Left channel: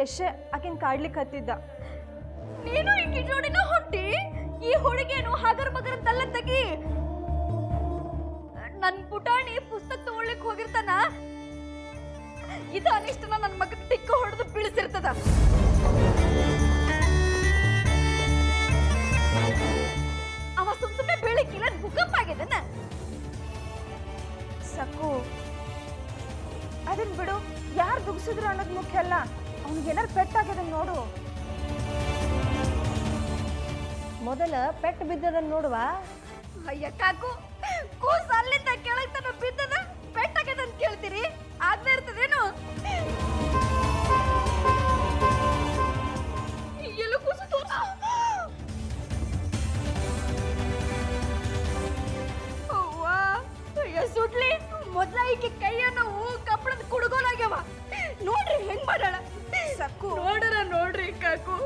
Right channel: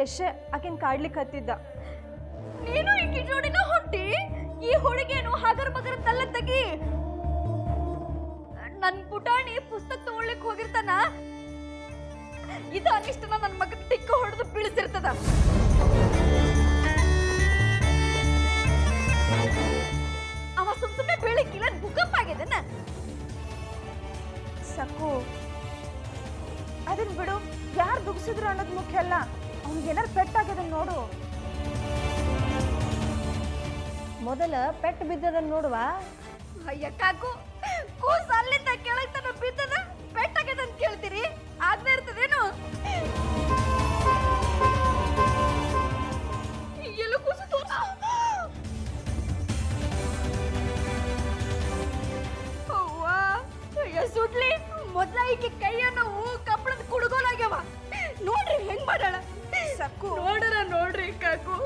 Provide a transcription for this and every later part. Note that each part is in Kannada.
ಯಶ ಆಕಿನ್ ಕಾಡ್ಲಿಕ್ಕೆ ಹತ್ತಿದ್ದ. ನೀನು ಈಕಿ ಜೋಡಿನ ಹೊಂಟಿ? ಈ ಹುಡುಗೇನು ಹಗರ್ ಬಗರ್ ತಲ್ಲ ತೆಗಿ. ನನ್ ಪುಟಾಣಿ ಪುಸ್ತಕ ತಗೊಳ್ಳಿಕ್ ಹೋಗಿರ್ತಾನ, ಇದು ಅನಿಷ್ಟನ ನನ್ನ ಮಗನ ಟಿಕ್ಕ ಹೊಡೆದು ಬೀಳಿಸಿರ್ತದ. ಅವ ಸುಮ್ಮನೆ ಬೀಳಿಕ್ಕಿಲ್ಲ, ಭೂಕಂಪ ಆಗಿದನ. ಸಕ್ಕು ಅದನ್ ಬಿಡು, ಯಾರು ದುಗ್ಸಿದ್ರು ಅನ್ನೋದು ಮುಖ್ಯ ಅಲ್ಲ, ಅವ್ನಿಗೆ ಏನಾರು ಪೆಟ್ಟಾಗ್ಯದ ನೋಡು. ಮೊದಲ ಪೆಟ್ಟು ಬಿದ್ದದನ್ನ ನೋಡುವ. ಅಯ್ಯ ಕಾಕು, ಕೂಸ ಅಲ್ಲಿಂದ ಕೆಳಗ್ ತನ ಬಿದ್ದದ, ಪೆಟ್ಟಾಗ್ಯದಂತ ಕೇಳ್ತೀರಿ? ಆಗ್ತಾ ಇರ್ತದೇನು? ಎಲ್ಲೂ ಕೂಸು ತೋರ್ಸ. ಅವ್ವಾ, ಅಯ್ಯ ಸುಡ್ಲಿ, ಮೊದ್ಲ ಈಕೆ ಕೈಯ ನೋವು ಕಪ್ಪಳದ ಕುಡುಗೋಲಾಗ್ಯವ. ನೋಡ್ರಿ ಹೆಂಗ್ ಮಾಡಾಳ. ಸಕ್ಕು ನೋಡ್ರಿ ಕಾಕು,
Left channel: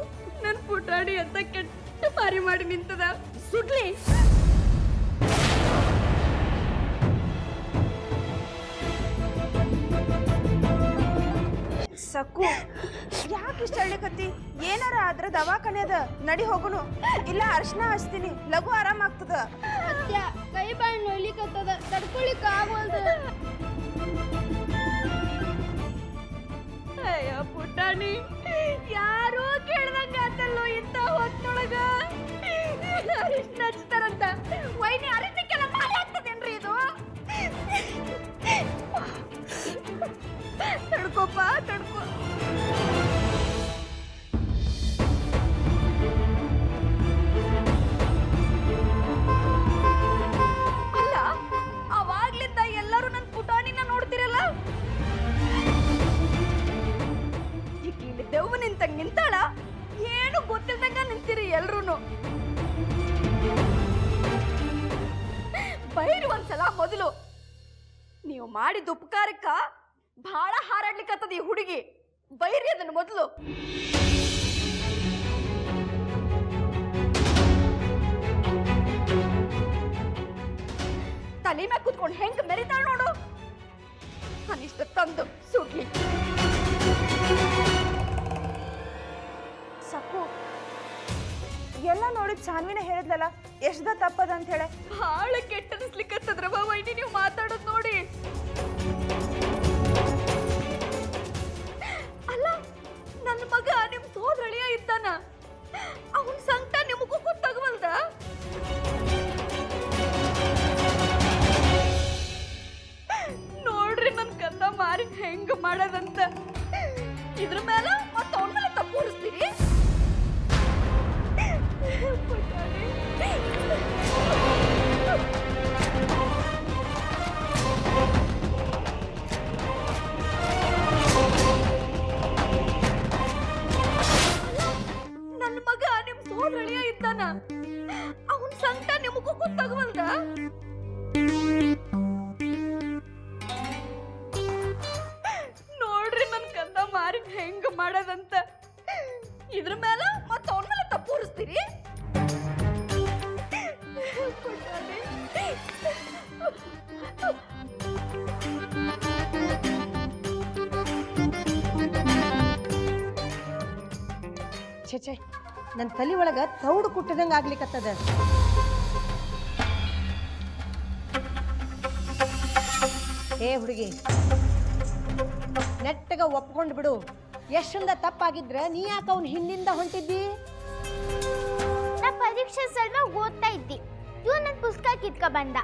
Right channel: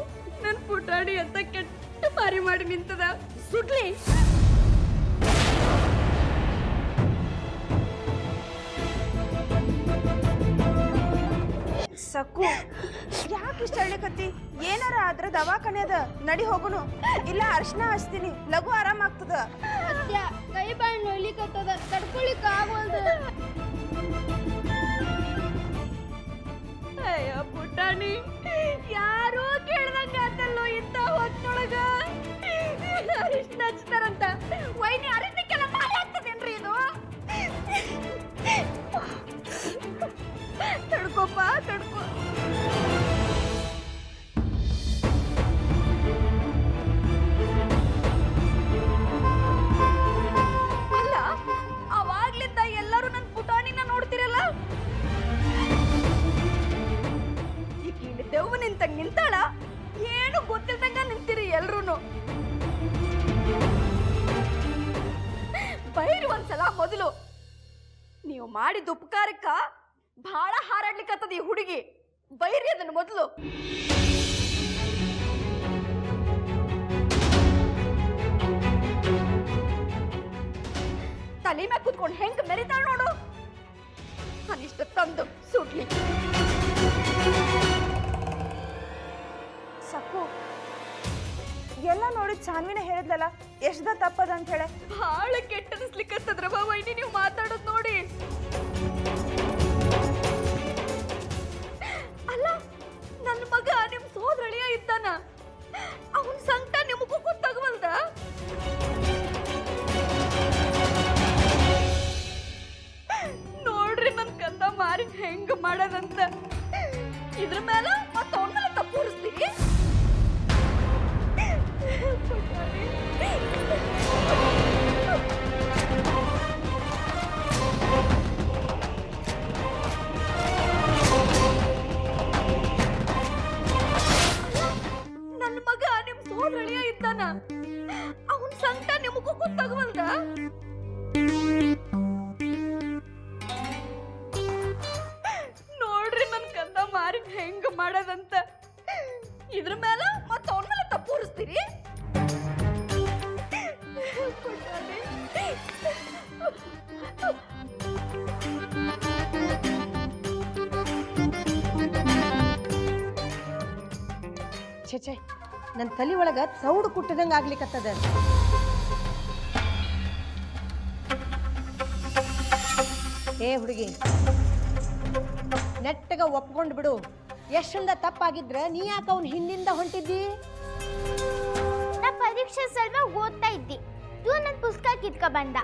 ನನ್ ಪುಟಾಣಿ ಅಂತ ಕೆಟ್ಟ ಮಾರಿ ಮಾಡಿ ನಿಂತದ. ಸುಡ್ಲಿ. ಸಕ್ಕು ಯಾಕೆ ಇಷ್ಟ ಹೇಳಕತ್ತಿ? ಏನಾರ ಆದ್ರ ದವಾಖಾನೆ ಅದ, ನಡಿ ಹೋಗುನು. ಇಲ್ಲ ಅರ್ಶನ ಹಚ್ತೀನಿ, ಲಘು ಆರಾಮ ಆಗ್ತದ. ಅತ್ಯ ಕೈ ಬಾಯಿ ನೋಯ್ಲಿಕತ್ತದ, ತಡ್ಕೊಳಿಕ್ ಆಗವಲ್ದು. ಅಯ್ಯ ಪುಟಾಣಿ, ಯಾರೋ ಕೇಳ್ದಂಗ ಆತಲ್ಲೋ ಇಂತ ಹೊತ್ತೊಳಗ. ಅರಿಶಿನ ಹಚ್ತಾರಂತ ವೈನಿ ಅರಿಶಿನಕ್ಕೆಲ್ಲ ಮಾಲೆ ಆಗ್ತದೇನ್ರಿ ಇದು? ತಡ್ಕೋಪ್ಪ ತಡ್ಕೋ. ಅಲ್ಲ, ಅವಾಗ್ಲಿಂದ ಎಲ್ಲರೂ ನನ್ ಪುಟಾಣಿನ ನೋಡ್ತಿರಲ್ಲ. ಈಗ ಇಲ್ಲಿ ದೆವ್ವ ನಿಂತಂಗ್ ನಿಂತಾಳ, ಏನು ಗೊತ್ತಿಲ್ದಂಗ ನಿಂತಿರಿ ಎಲ್ರೂನು. ಬೈರಿ ಒಂದ್ಸಲ ಮೊದಲು. ನೀವು ಮಾಡಿದ ಉಪಕಾರಕ್ಕ ಬಹಳ ಹಾರಾಡ್ಲಿಕ್ಕತ್ತದ ಈ ಹುಡುಗಿ. ಬೈರಿ ಅದನ್ನ ಮೊದಲು. ತಲೆ ಮ್ಯಾಗ ಕೂತ್ಕೊಂಡು ಹೆಂಗ್ ಮೆರಿತಾಳ ನೋಡು. ಅನಿಷ್ಟ ತಂದು ಸುಡ್ಲಿ. ಸಕ್ಕು ಎಲ್ಲ ನೋಡಿ ಸಾನ್ವಿನ ಹೇಳಿದ್ಲಲ್ಲ, ಎಷ್ಟದ ತಪ್ಪದ ಅಂತ ಹೇಳಿ. ಬಹಳ ಕೆಟ್ಟನಿಸ್ಲಿಕ್ಕತ್ತದ್ರವ ವೈನಿ ನೀವು ಮಾತಾಡೋದು ನೋಡಿ. ಅಲ್ಲ, ನನ್ನ ಮಗ ನಿಮ್ ಸೋದರಳಿಯ ಇದ್ದಾನ, ಅವನ್ ಸಂಕಟ ನಿಮಗೂ ಗೊತ್ತಾಗವಲ್ದ? ನೋಡ್ರಿ ನನ್ ಕಂದ ಮಾರಿ ಹೆಂಗ ಮಾಡದಂತ. ಇದ್ರ ಮೇಲೆ ಮತ್ತ ಅವನ ಮೇಲೆ ತಪ್ಪೂರಿಸ್ತೀರಿ? ನನ್ನ ಮಗ ನಿಮ್ ಸೋದರಳಿಯ ಇದ್ದಾನ, ಅವನ್ ಸಂಕಟ ನಿಮಗೂ ಗೊತ್ತಾಗವಲ್ದ? ನೋಡ್ರಿ ನನ್ ಕಂದ ಮಾರಿ ಹೆಂಗ ಮಾಡದಂತ. ಇದ್ರ ಮೇಲೆ ಮತ್ತ ಅವನ ಮೇಲೆ ತಪ್ಪೂರಿಸ್ತೀರಿ? ಛೆ ನನ್ನ ತಲೆ ಒಳಗ ತೌಡು ಕುಟ್ಟಿದಂಗ ಆಗ್ಲಿಕ್ಕತ್ತದ. ಏ ಹುಡುಗಿ, ನೆಟ್ಟಗ ಒಪ್ಕೊಂಡು ಬಿಡು. ಎಷ್ಟಂದ ತಪ್ಪಾಗಿದ್ರ ನೀ ಯಾಕೆ ಅವನ ಹಿಂದಿಂದ ಹೊಂಟಿದ್ದಿ? ನಾ ಪರೀಕ್ಷೆ ಸಲುವಾಗಿ ಓದ್ತಾ ಇದ್ದಿ, ಇವ್ ನನ್ನ ಪುಸ್ತಕ ಕಿತ್ಕ ಬಂದ.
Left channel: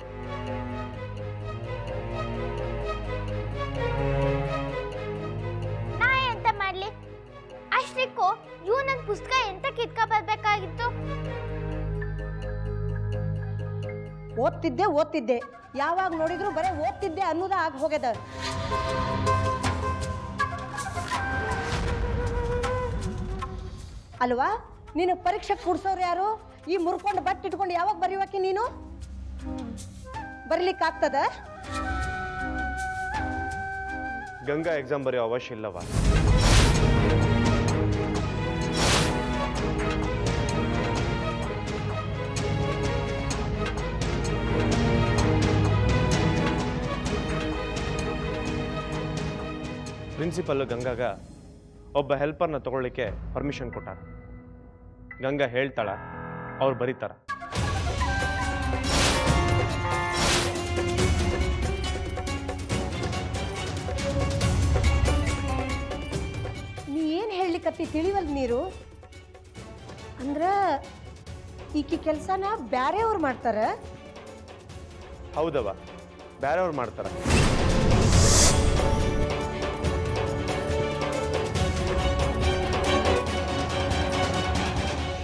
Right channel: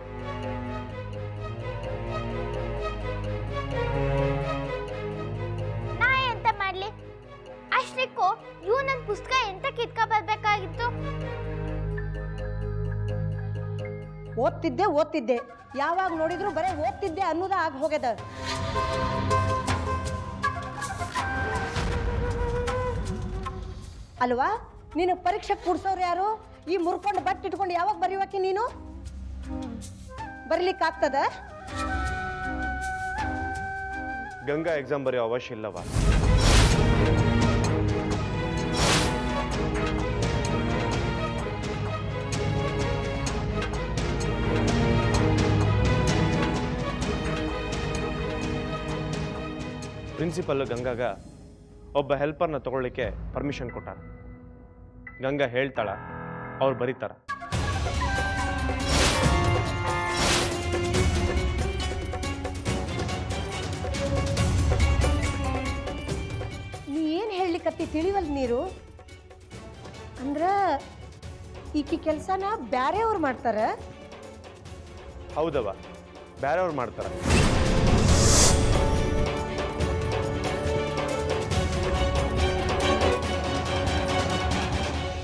ನಾ ಎಂತ ಮಾಡ್ಲಿ? ಅಷ್ಟಕ್ಕೂ ಇವ್ ನನ್ನ ಪುಸ್ತಕ ಎಂತ ಕಿತ್ಕ ಬರ್ಬೇಕಾಗಿತ್ತು? ಓದ್ತಿದ್ದೆ, ಯಾವಾಗ ನೋಡಿದ್ರು ಬರೇ ಓದ್ತಿದ್ದೆ ಅನ್ನೋದ ಆಗ ಹೋಗ್ಯದ. ಅಲ್ವಾ, ನೀನು ಪರೀಕ್ಷೆ ಕೂಡ್ಸೋರು ಯಾರು? ಈ ಮುರ್ಕೊಂಡು ಬಟ್ ಇಟ್ಕೊಂಡು ಯಾವಾಗ ಬರೀವಾಕಿ ನೀನು? ಬರೀಲಿಕ್ಕಾಗ್ತದ? ಗಂಗಾ ಎಕ್ಸಾಮ್ ಬರೆಯೋ ಅವಶ್ಯ ಇಲ್ಲವಾ? ಪ್ರಿನ್ಸಿಪಲ್ ಗಂಗಾಗ ಒಬ್ಬ ಹೆಲ್ಪರ್ನ ತಗೊಳ್ಳಿಕ್ಕೆ ಪರ್ಮಿಷನ್ ಕೊಟ್ಟಾರ. ಗಂಗಾ ಹೇಳ್ತಾಳ, ಅವ್ರು ಬರೀತಾರ. ನೀ ಏನು ಹೇಳಲಿಕ್ಕತ್ತಿ ತಿಳಿವಲ್ ನೀರು ಅಂದ್ರ ಈಕಿ ಕೆಲಸನ ಬ್ಯಾರೆಯವ್ರು ಮಾಡ್ತಾರ. ಹೌದವ, ಬೇರೆಯವ್ರು ಮಾಡ್ತಾರ.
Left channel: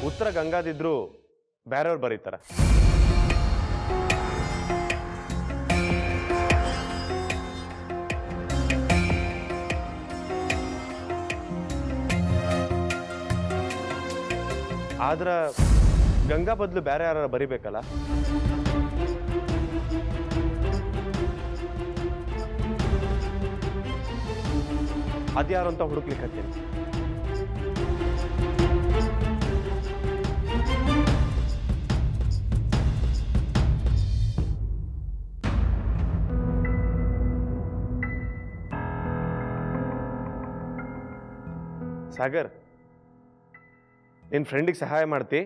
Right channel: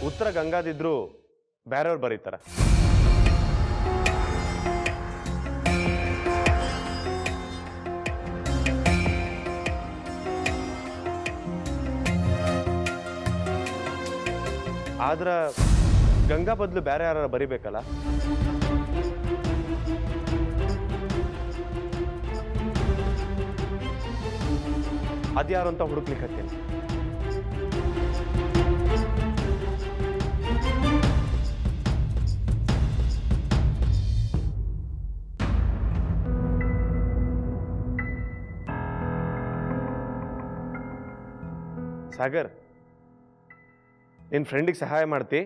ಉತ್ತರ ಗಂಗಾದಿದ್ರು ಬೇರೆಯವ್ರು ಬರೀತಾರ. ಆದ್ರ ಗಂಗಾ ಬದಲು ಬೇರೆ ಯಾರು ಬರಿಬೇಕಲ್ಲ. ಅದ್ಯಾರು ಅಂತ ಹುಡುಕ್ಲಿಕ್ಕತ್ತೀನಿ. ಸಾಗರ್, ನಿನ್ನ ಫ್ರೆಂಡಿಗೆ ಸಹಾಯ ಮಾಡ್ತಿ?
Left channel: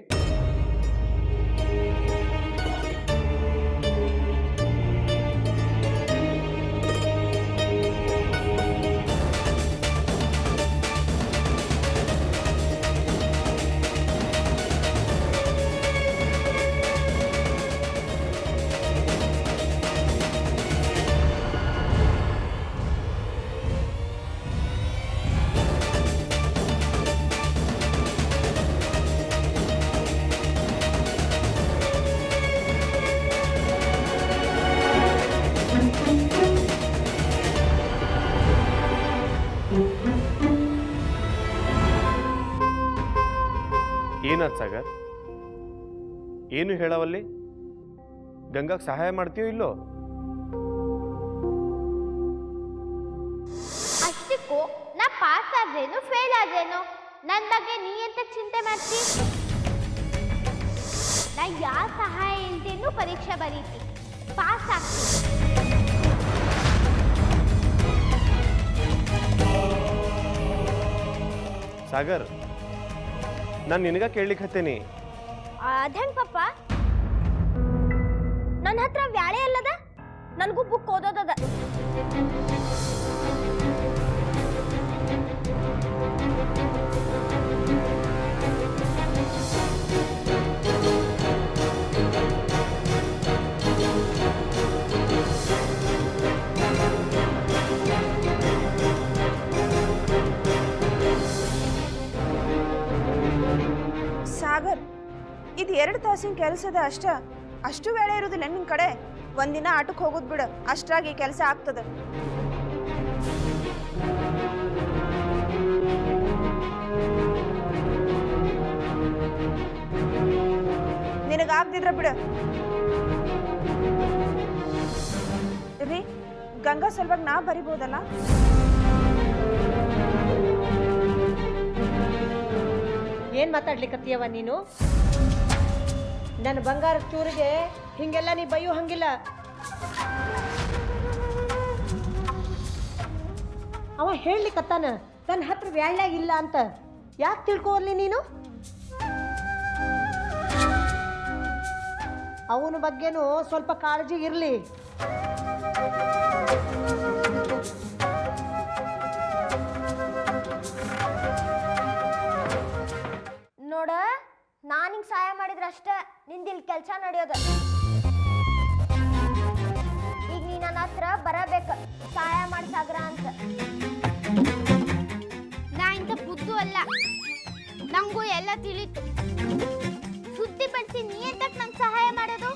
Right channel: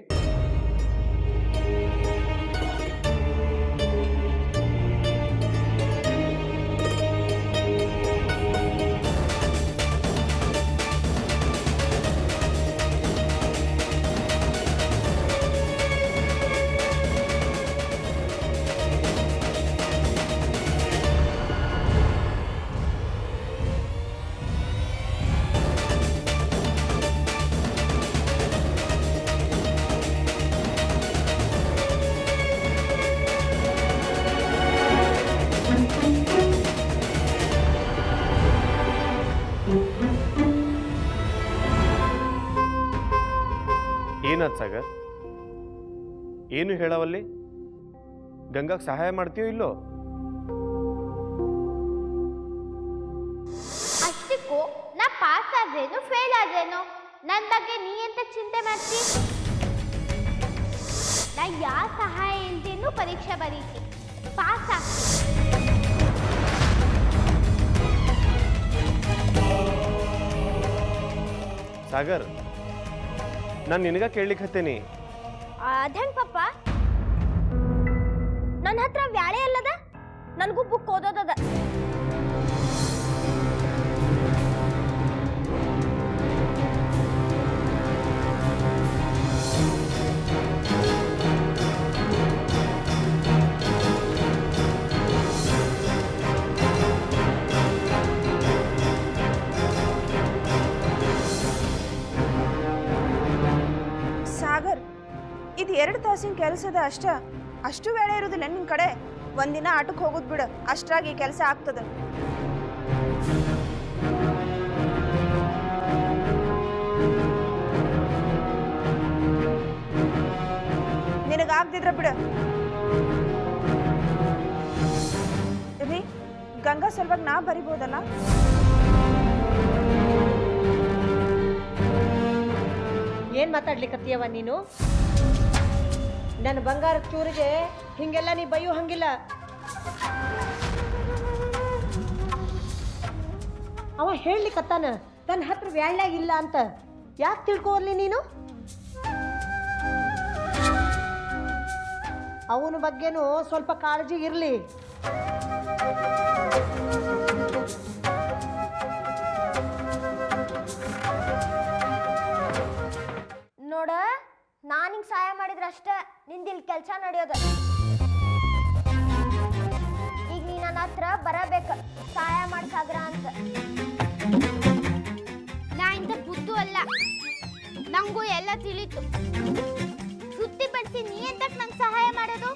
ಏನಾದ್ ಸಾಗರ್, ಏನು ಹೇಳವಲ್ಲಿ? ಗಂಗಾಗೆ ಸಹಾಯ ಮಾಡ್ತೀಯೋ ಇಲ್ಲೋ? ಅಷ್ಟಕ್ಕೂ ನಾ ಪಾಸ್ ಆದ್ರೇನು ಫೇಲ್ ಆದ್ರೇನು ನನ್ನ ಬಗ್ಗೆ ನೀ ಎಂತ ಚಿಂತೆ ಮಾಡ್ತಿ? ನಾ ಯಾವ ಸಹಾಯ ಇಲ್ದೇನು ಪರೀಕ್ಷೆ ಬರೀತಿ, ಪಾಸ್ ಆಗ್ತೀನಿ. ಸಾಗರ್, ನಾನು ನಿನಗ ಕೇಳಲಿಕ್ಕೆ ಹತ್ತೇನಿ. ಅದೇನ್ ಪಪ್ಪ, ನನ್ನ ಹತ್ರ ವ್ಯಾಳೆ ಅಲ್ಲದ, ನನಗೂ ಬುಕ್ ಓದೋದದ. ಸಾಗರ್, ಇದು 2 ತಾಸಿನ ಕೆಲಸದ ಅಷ್ಟು ವೇಳೆ ಇರುದಿಲ್ಲ ನಿನ್ ಕಡೆ. ಒಂದಿನ ಆಟಕ್ಕೆ ಹೋಗುದ್ ಬಿಡು, ಅಷ್ಟ್ರಾಗಿ ಕೆಲಸ ಆಗ್ತದ. ನಿನಗಾಗ್ದಿದ್ರ ಬಿಡು. ರೀ, ಗಂಗಾ ಸಲುವಾಗಿ ನಾ ಬರಿಬೋದಲ್ಲ? ಏನು ಮಾತಾಡ್ಲಿಕ್ಕತ್ತೀಯವ ನೀನು? ನನ್ನ ಬಂಗಾರ ಚೂರಿಗೆ ಹಿಂಗೆಲ್ಲ ನೀ ಬೈಯೋ ಹಂಗಿಲ್ಲ. ಅವ ಹೇಳಲಿಕ್ಕತ್ತಾನ ತನ್ನ ಹತ್ರ ವ್ಯಾಳ್ಯಾಗ ಇಲ್ಲ ಅಂತ. ಯಾಕೆ ತಿಳ್ಕೊರ್ಲಿ ನೀನು? ಅವನ ಬಗ್ಗೆನೂ ಸ್ವಲ್ಪ ಕಾಳಜಿ ಇರಲಿ. ನೋಡ, ನಾನಿಂಗ್ ಸಹಾಯ ಮಾಡಿದ್ರೆ ಅಷ್ಟೇ ನಿಂದಿಲ್ ಕೆಲಸ ನಡೆಯೋದು. ಈಗ ನೀ ನನ್ನ ಹತ್ರ ಬರಬೇಕು ಸಹಾಯ ಮಾಡಿ ಸಾಗರ ಅಂತ. ನಾ ಇಂಥ ಬುದ್ದು ಅಲ್ಲ, ನಂಗೂ ಎಲ್ಲ ತಿಳಿತು. ಸುದ್ದಿ ಪಡಿಸಿ ನೀ ಎಂತಕ್ ನಂಗೆ ಸಹಾಯ ಮಾಡೋದು?